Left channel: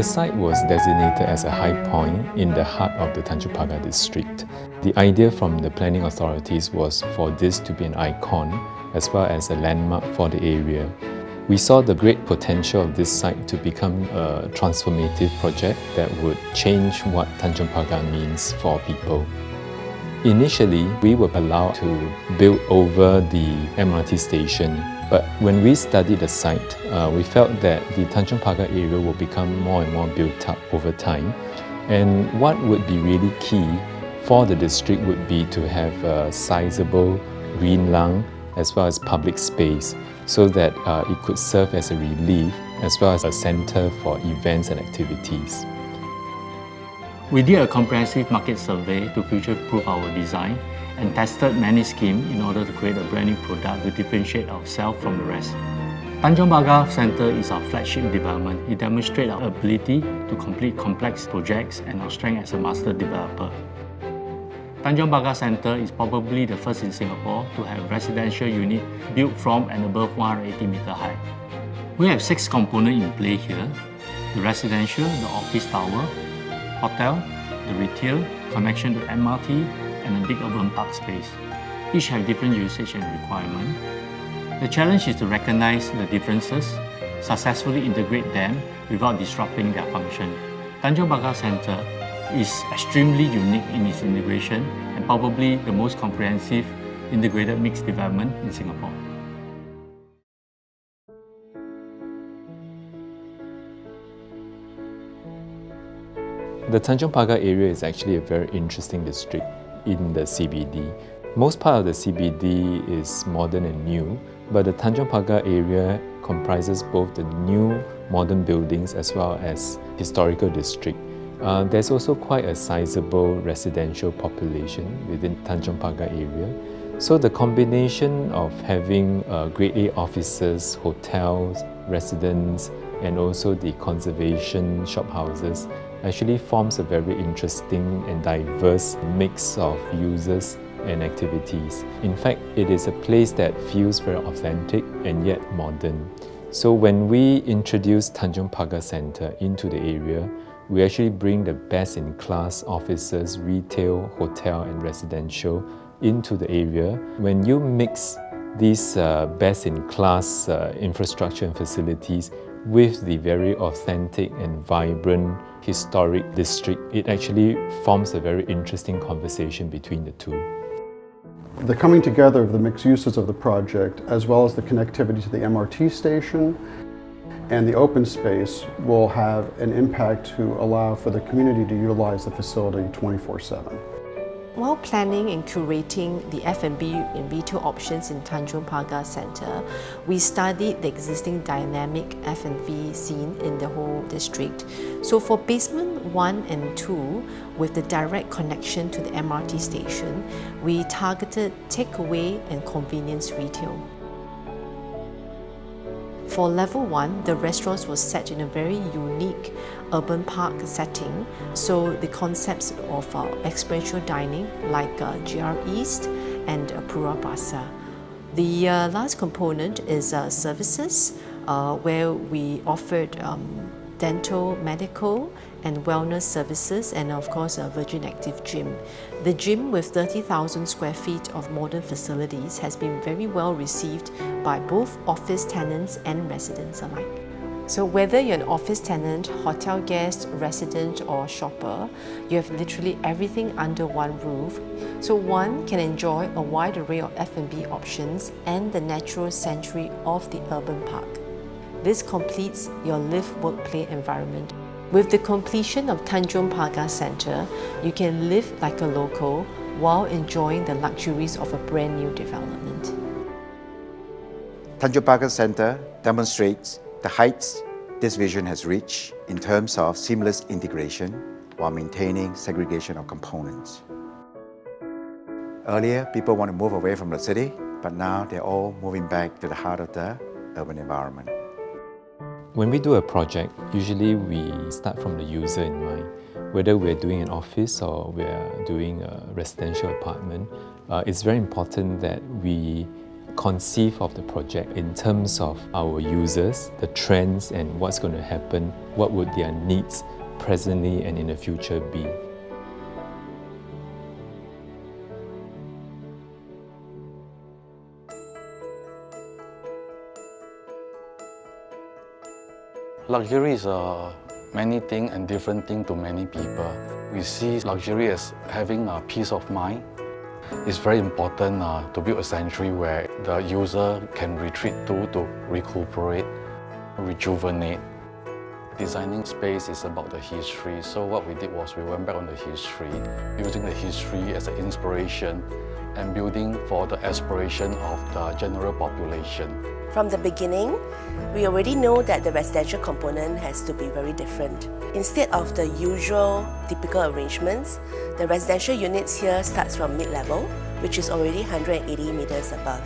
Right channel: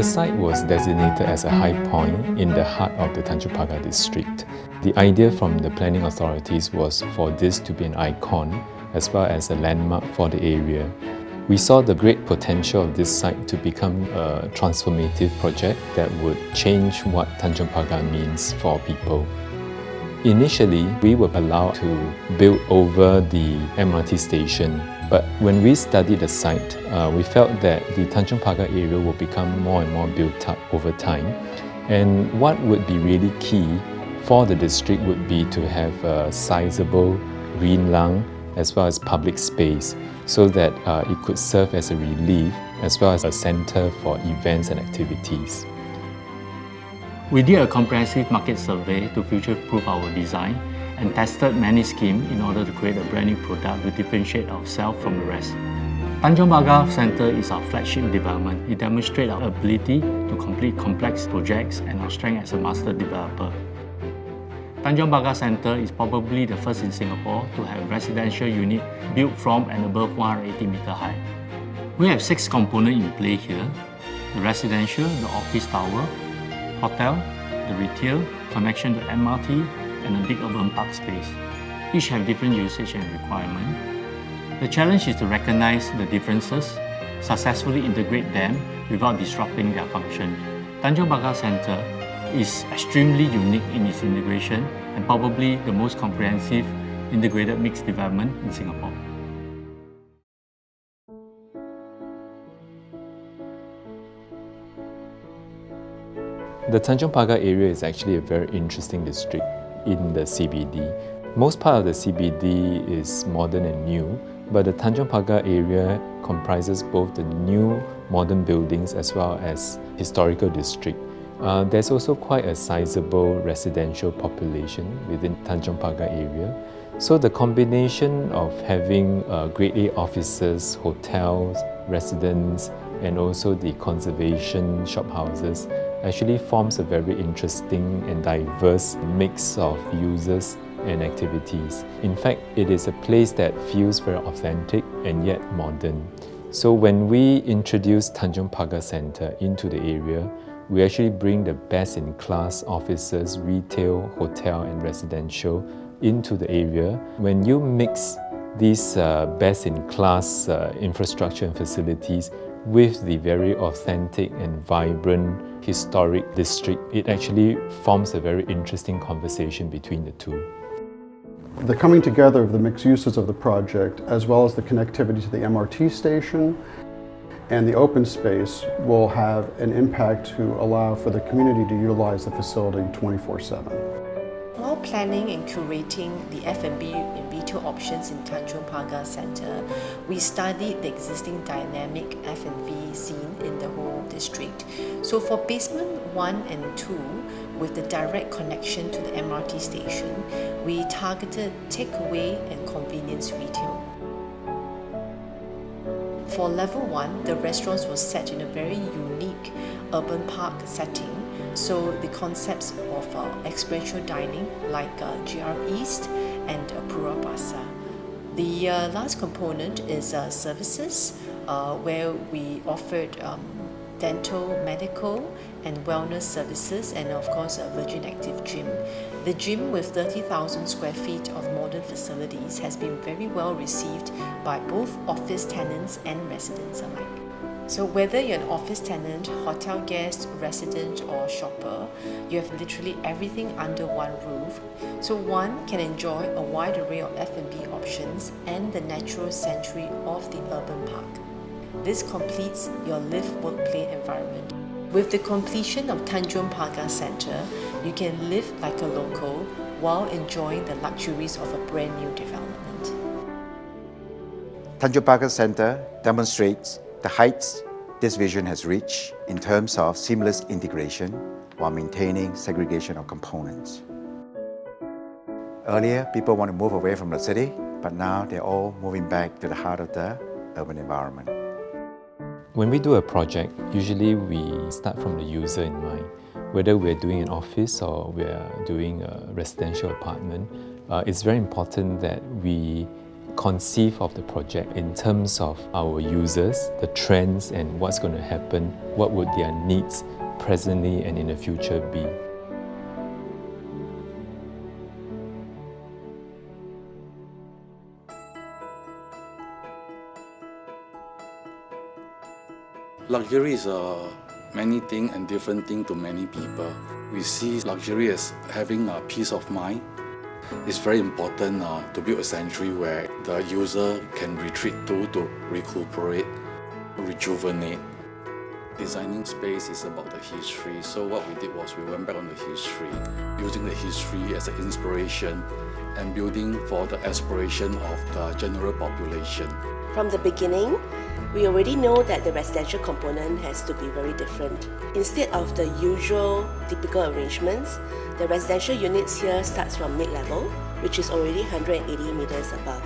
The site was designated as a high point in the heart of the Tanjong Pagar district. The idea from the planning authorities was for this to be an icon as well as a landmark for the area. We saw the great potential of this site to become a transformative project that would change what Tanjong Pagar means for people. Initially, we were allowed to build over the MRT station, but when we studied the site, we felt that the Tanjong Pagar area will become more and more built up over time. And what would be really key for the district would be to have a sizable green lung as well as public space so that it could serve as a relief as well as a centre for events and activities. We did a comprehensive market survey to future-proof our design and tested many schemes in order to create a brand new product to differentiate ourselves from the rest. Tanjong Pagar Centre is our flagship development. It demonstrates our ability to complete complex projects and our strength as a master developer. Tanjong Pagar Centre is probably the first in Singapore to have residential unit built from and above 180 meter high. We have 6 components in play here: the residential, the office tower, hotel, the retail, connection to MRT, and a big urban park space. Each have different usage and requirement. The challenge is to recognize the differences, successfully integrate them without disrupting their function. Tanjong Pagar Centre is extremely unique in its integration and probably the most comprehensive integrated mixed development in Singapore. The Tanjong Pagar area is actually a very interesting district in the CBD. Most part of the CBD is modern and new, but the Tanjong Pagar area comprises both the new modern buildings as well as historical district. There's also quite a sizable residential population within Tanjong Pagar area. So the combination of having Grade A offices, hotels, residents, and also the conservation shophouses actually forms a very interesting and diverse mix of users and activities. In fact, it is a place that feels very authentic and yet modern. So when we introduce Tanjong Pagar Centre into the area, we actually bring the best-in-class offices, retail, hotel and residential into the area. When you mix these best-in-class infrastructure and facilities with the very authentic and vibrant historic district, it actually forms a very interesting conversation between the two. The coming together of the mixed uses of the project, as well as the connectivity to the MRT station and the open space, will have an impact to allow for the community to utilize the facility 24/7. While planning and curating the F&B and retail options in Tanjong Pagar Centre, we studied the existing dynamic F&B scene in the whole district. So for basement 1 and 2, with the direct connection to the MRT station, we targeted takeaway and convenience retail. For level 1, the restaurants were set in a very unique urban park setting, so the concepts of experiential dining like GR East and Pura Pasar. The last component is services, where we offered dental, medical and wellness services, and of course a Virgin Active gym. The gym, with 30,000 square feet of modern facilities, has been very well received by both office tenants and residents alike. So whether you're an office tenant, hotel guest, resident or shopper, you have literally everything under one roof. So one can enjoy a wide array of F&B options and the natural sanctuary of the urban park. This completes your live, work, play environment. With the completion of Tanjong Pagar Centre, you can live like a local while enjoying the luxuries of a brand new development. Tanjong Pagar Centre demonstrates the heights this vision has reached in terms of seamless integration while maintaining segregation of components. Earlier, people want to move away from the city, but now they're all moving back to the heart of the urban environment. When we do a project, usually we start from the user in mind. Whether we're doing an office or we're doing a residential apartment, it's very important that we conceive of the project in terms of our users, the trends and what's going to happen, what would their needs presently and in the future be. Luxury is many things and different things to many people. We see luxury as having a peace of mind. It's very important to build a sanctuary where the user can retreat to recuperate, rejuvenate. Designing space is about the history, so what we did was we went back on the history, using the history as an inspiration and building for the aspiration of the general population. From the beginning, we already know that the residential component has to be very different. Instead of the usual typical arrangements, the residential units here starts from mid-level, which is already 180 meters above.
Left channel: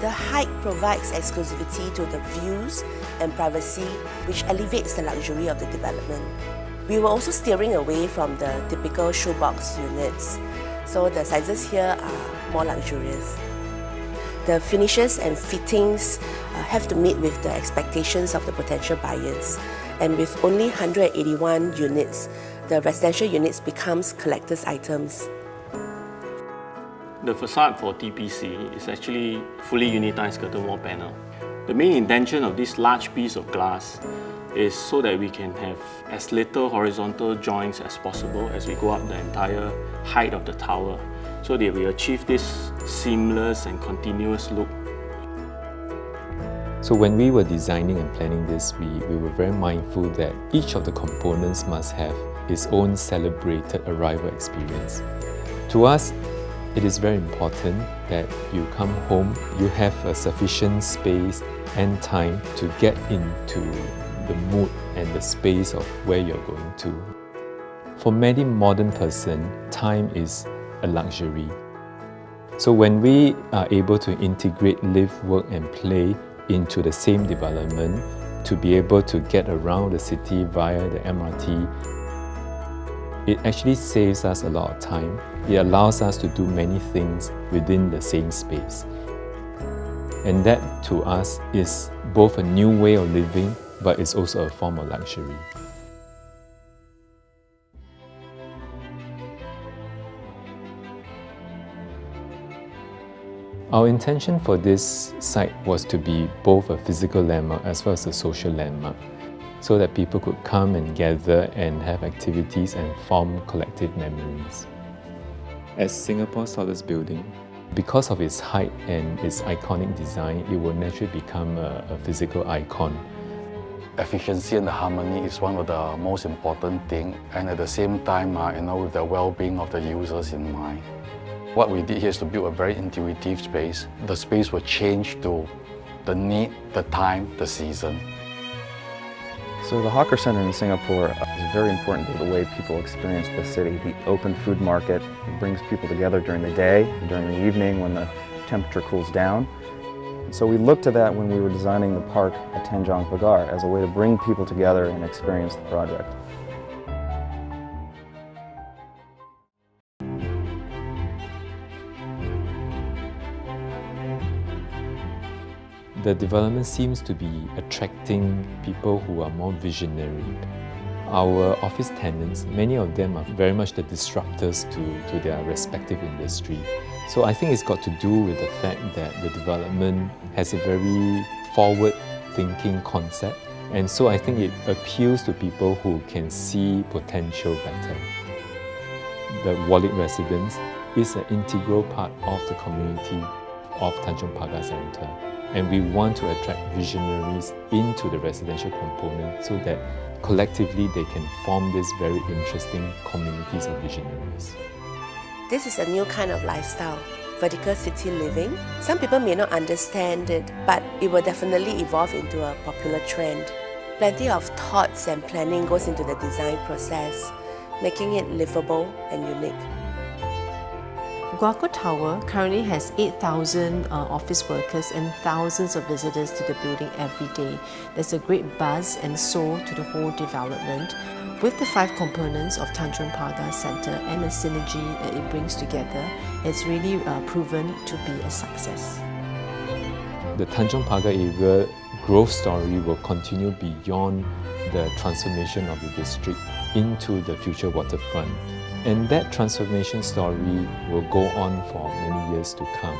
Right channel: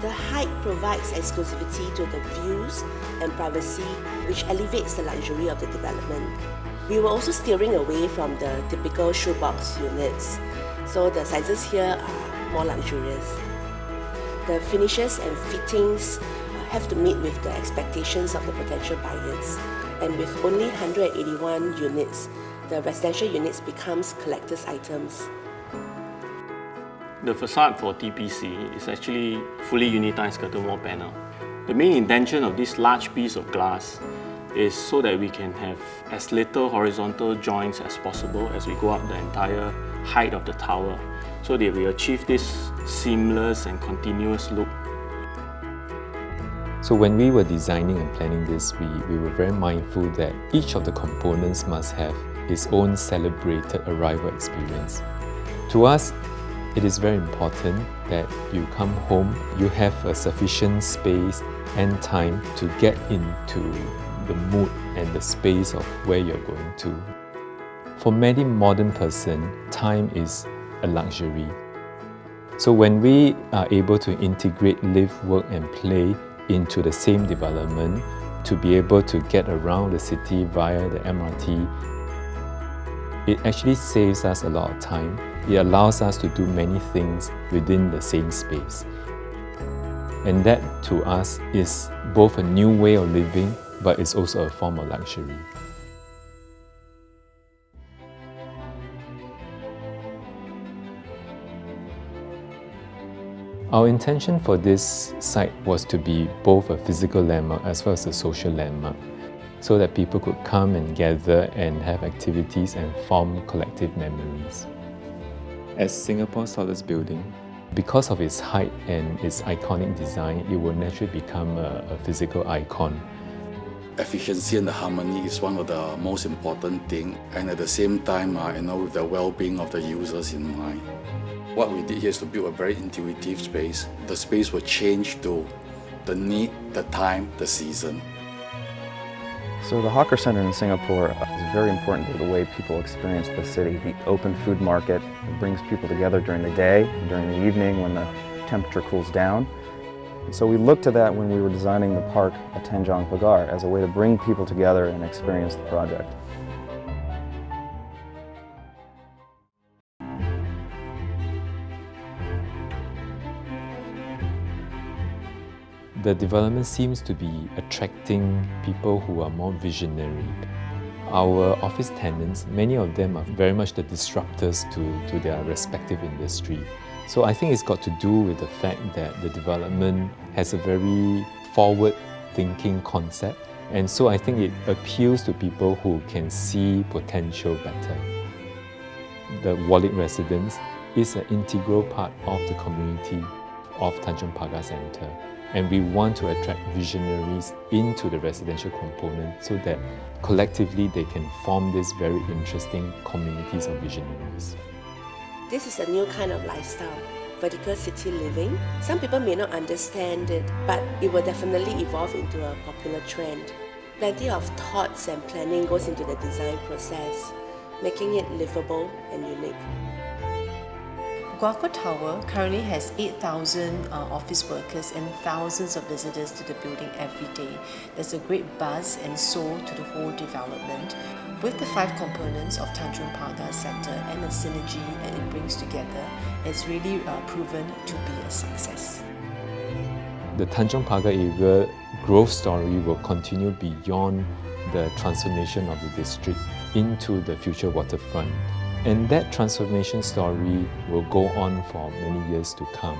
The height provides exclusivity to the views and privacy, which elevates the luxury of the development. We were also steering away from the typical shoebox units, so the sizes here are more luxurious. The finishes and fittings have to meet with the expectations of the potential buyers. And with only 181 units, the residential units becomes collector's items. The facade for TPC is actually fully unitized curtain wall panel. The main intention of this large piece of glass is so that we can have as little horizontal joints as possible as we go up the entire height of the tower, so that we achieve this seamless and continuous look. So when we were designing and planning this, we were very mindful that each of the components must have its own celebrated arrival experience. To us, it is very important that you come home, you have a sufficient space and time to get into the mood and the space of where you're going to. For many modern person, time is a luxury. So when we are able to integrate live, work and play into the same development, to be able to get around the city via the MRT, it actually saves us a lot of time. It allows us to do many things within the same space. And that, to us, is both a new way of living, but it's also a form of luxury. Our intention for this site was to be both a physical landmark as well as a social landmark, so that people could come and gather and have activities and form collective memories. As Singapore's tallest building, because of its height and its iconic design, it will naturally become a physical icon. Efficiency and the harmony is one of the most important things, and at the same time, with the well-being of the users in mind. What we did here is to build a very intuitive space. The space will change to the need, the time, the season. So the Hawker Centre in Singapore is very important to the way people experience the city. The open food market brings people together during the day and during the evening when the temperature cools down. And so we looked to that when we were designing the park at Tanjong Pagar as a way to bring people together and experience the project. The development seems to be attracting people who are more visionary. Our office tenants, many of them are very much the disruptors to their respective industry. So I think it's got to do with the fact that the development has a very forward-thinking concept. And so I think it appeals to people who can see potential better. The Wallich Residence is an integral part of the community of Tanjong Pagar Centre. And we want to attract visionaries into the residential component so that collectively they can form these very interesting communities of visionaries. This is a new kind of lifestyle, vertical city living. Some people may not understand it, but it will definitely evolve into a popular trend. Plenty of thoughts and planning goes into the design process, making it livable and unique. Guoco Tower currently has 8,000 office workers and thousands of visitors to the building every day. There's a great buzz and soul to the whole development. With the 5 components of Tanjong Pagar Centre and the synergy that it brings together, it's really proven to be a success. The Tanjong Pagar area growth story will continue beyond the transformation of the district into the future waterfront. And that transformation story will go on for many years to come.